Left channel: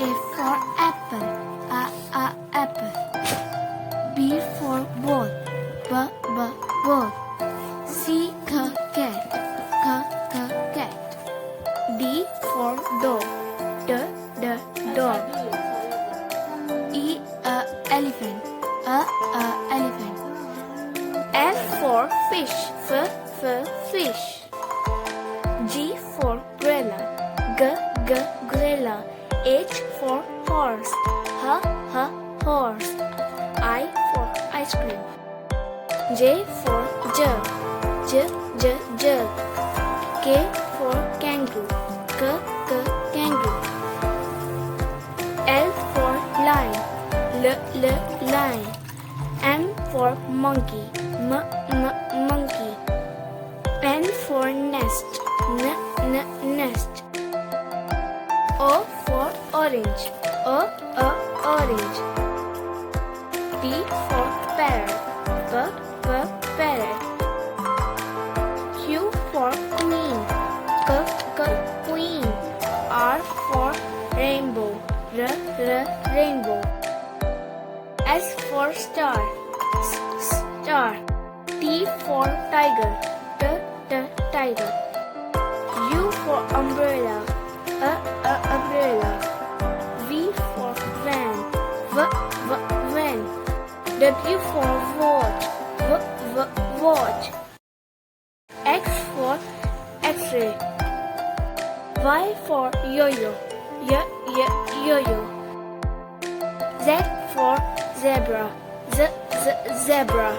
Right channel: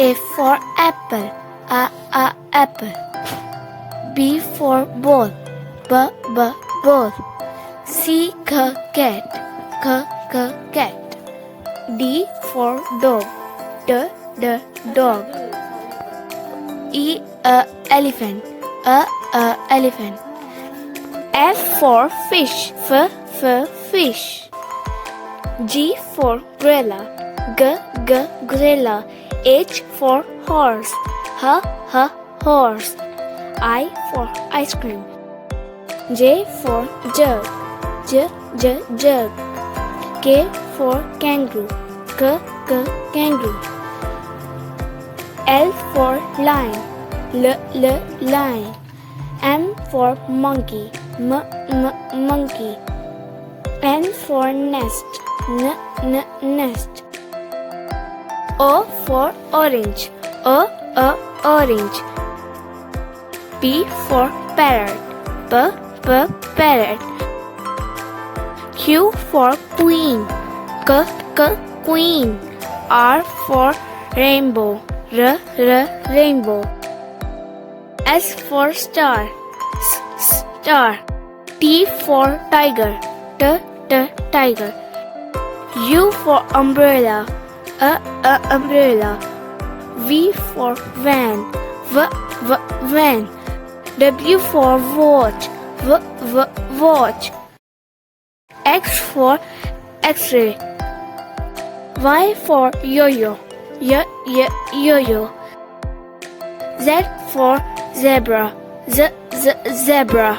A for apple, apple. B for ball, ball. C cat, cat. D for dog, dog. E elephant, elephant. F for fish, fish. G for gorilla, gorilla. H for horse, horse. I for ice cream. J for jug, jug. K for kangaroo, kangaroo. L for lion, lion. M for monkey, monkey. N for nest, nest. O for orange, orange. P for parrot, parrot. Q for queen, queen. R for rainbow, rainbow. S for star, star. T for tiger, tiger. U for umbrella, umbrella. V for van, van. W for watch, watch. X for X-ray. Y for yo-yo, yo-yo. Z for zebra, zebra.